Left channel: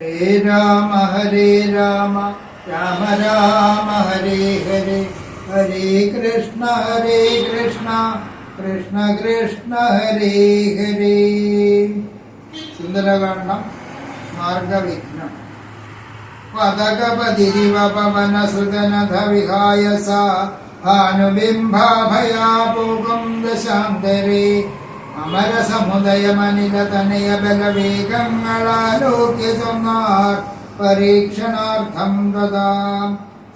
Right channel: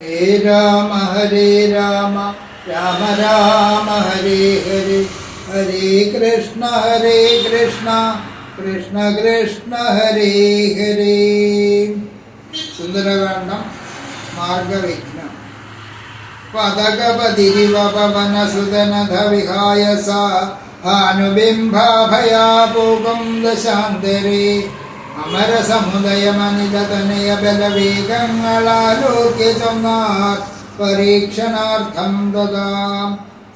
ഹരേ രാമ രാമ രാമ ഹരേ ഹരേ, ഹരേ കൃഷ്ണ കൃഷ്ണ കൃഷ്ണ ഹരേ ഹരേ. സുന്ദരകാണ്ഡം മാർഗവിഘ്നം. പദകപതിരിവ പവനസുതനധ വിഹായ സാ ഭാനുബിംബാഭയാപൂകം ദശാന്തരേ അമരസമുദയമനിതനയ ബലവേഗങ്ങളാലോക്യ ചൊന്നാർ പരീക്ഷണാർത്ഥം ദദാം.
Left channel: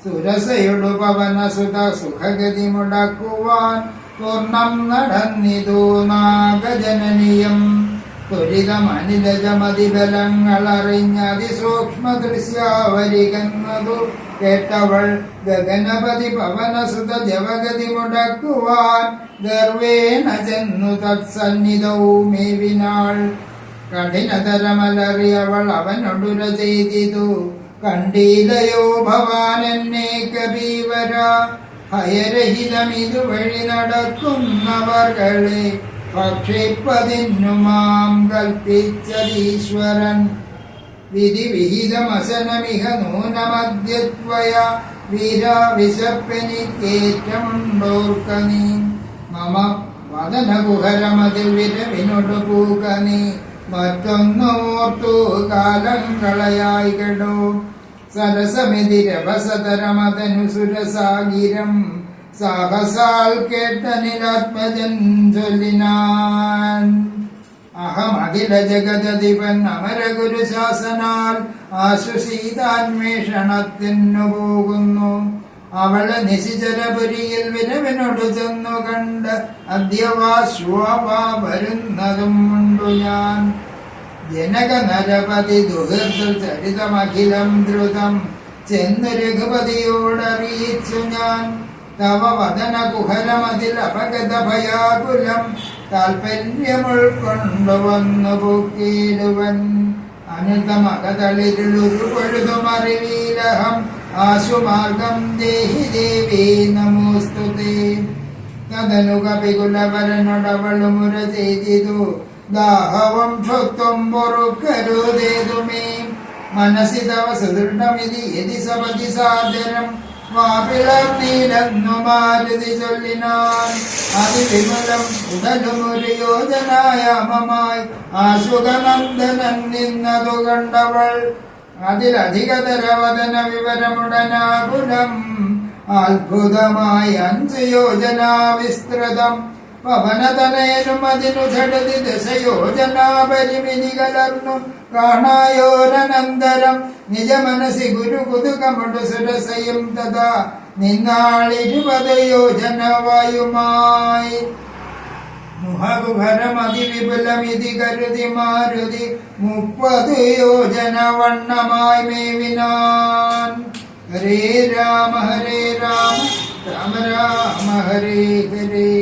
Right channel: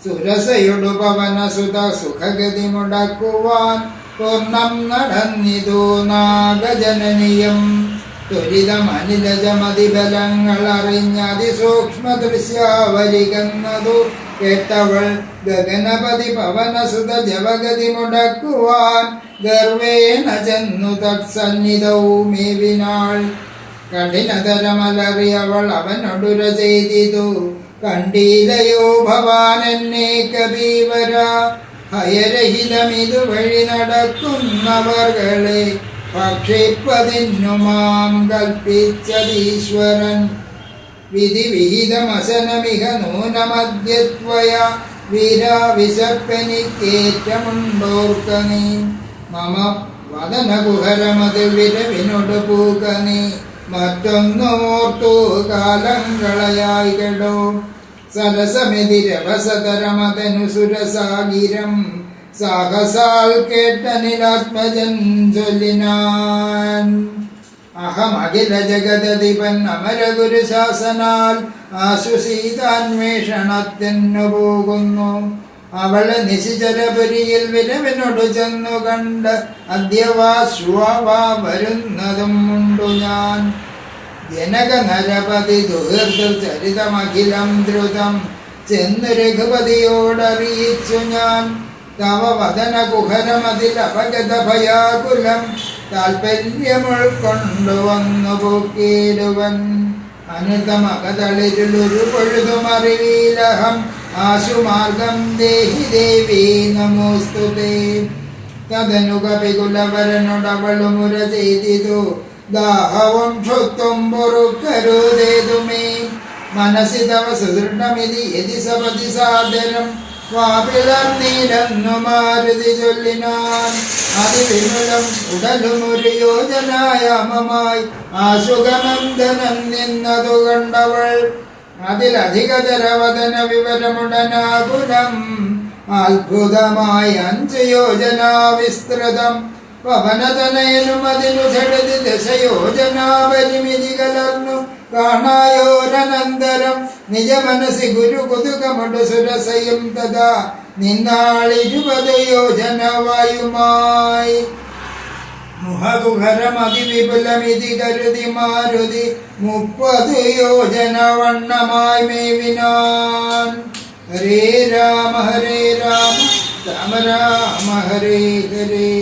സുരസയുടു പവനസുത സുഖഗതി മുടക്കുവാൻ പൂർണ്ണം നടന്നിതു നാഗജനനിയം. ത്വരിതമനിലജമതിബലങ്ങളറിഞ്ഞതിസൂക്ഷ്മ ദൃശ്യാവലികന്നതു കേട്ടവൾ ഗഗനപതി പവനസുത ജവഗതി മുടക്കുവാൻ ഗർവേണ ചെന്നു തത്സന്നിധൗ മേവിനാൾ. കഠിനതരമലറിയവൾ അവനൊടുര ചെയ്തിതു, കണ്ടീലയോ ഭവാൻ എന്നെ കബീവര. ഭയരഹിതമിതു വഴി നടക്കുന്നവർകളെ ഭക്ഷിപ്പതിന്നു മാം കൽപ്പിച്ചതീശ്വരൻ. വിധിവിഹിതമസനമിഹ നൂനമദ്യത്വയ വീരാ വിശപ്പെനിക്കേറ്റമുണ്ടോർക്കനീ. മമ വദനകുഹരമതിൽ വിരവിനൊടു പൂക്കനീ. മറ്റൊന്നോർത്തു കാലം കളയായി കെടോ. സരസമെതിരവസതരമതനു സുരസാഗിരം സാഹസാൽ കേട്ടനിലാത്മജൻ ചൊല്ലിനാൻ. അഹമഖില ജഗദധിപൻ അമരഗുരു ശാസനാൽ ആശുസീതാന്വേഷണത്തിനു പോകുന്നു. അവളെ നിശിചരപുരിയിൽ വിരവിനോടു ചെന്നു കണ്ട് അദ്യവാശ്വാ വരുന്നതും ഉണ്ടു ഞാൻ. ജനക നരപതി ദുഹൃദ ചരിതമഖിലം ദ്രുതം ചെന്ന് രഘുപതിയോടറിയിച്ചു ഞാൻ. തവ വദന കുഹരമതിൽ അപഗത ഭയാകുലം താൽപര്യമുൾക്കൊണ്ടുവന്നു പൂക്കേരുവൻ. അനുതമകതളിരുളൊരു പൊഴുതുമറിവീലഹം ആശുമാർഗം ദേഹി ദേവി നമോസ്തുതേ. തദനു കപികുലവരനോടവളുമുര ചെയ്തിതു, ദാഹവം ക്ഷുത്വം പൊറുക്കരുതേതുമേ. മനസി തവ സുദൃഢമിതി യതി സപതി സാദരം വാപിളർന്നീലെന്നു മാരുതി ചൊല്ലിനാൻ. അതിവിമലം ഉടലുമൊരു യോജനായാമമായി ആശുഗമന്ദനൻ നിന്നതു കണ്ടവൾ. അതിലധികതരവദന വിവരമുടനാകുലം അത്ഭുതമായി 5 യോജനാ വിസ്തൃതം. പവനതനയനും അതിനു ഝടതി ദശയോജനാ പരിമിതി കലർന്നു കാണായോരനന്തരം. നിജ മനസി ഗുരു കുതുകമടു സുരസയും തഥാ നിന്നാളിരുപത് യോജന വായുമായി. മുഹകുഹരമതിവിപുലമിതി കരുതി മാരുതി 30 യോജന വണ്ണമായി മേവിനാൻ. ഹരേ രാമ രാമ രാമ ഹരേ ഹരേ.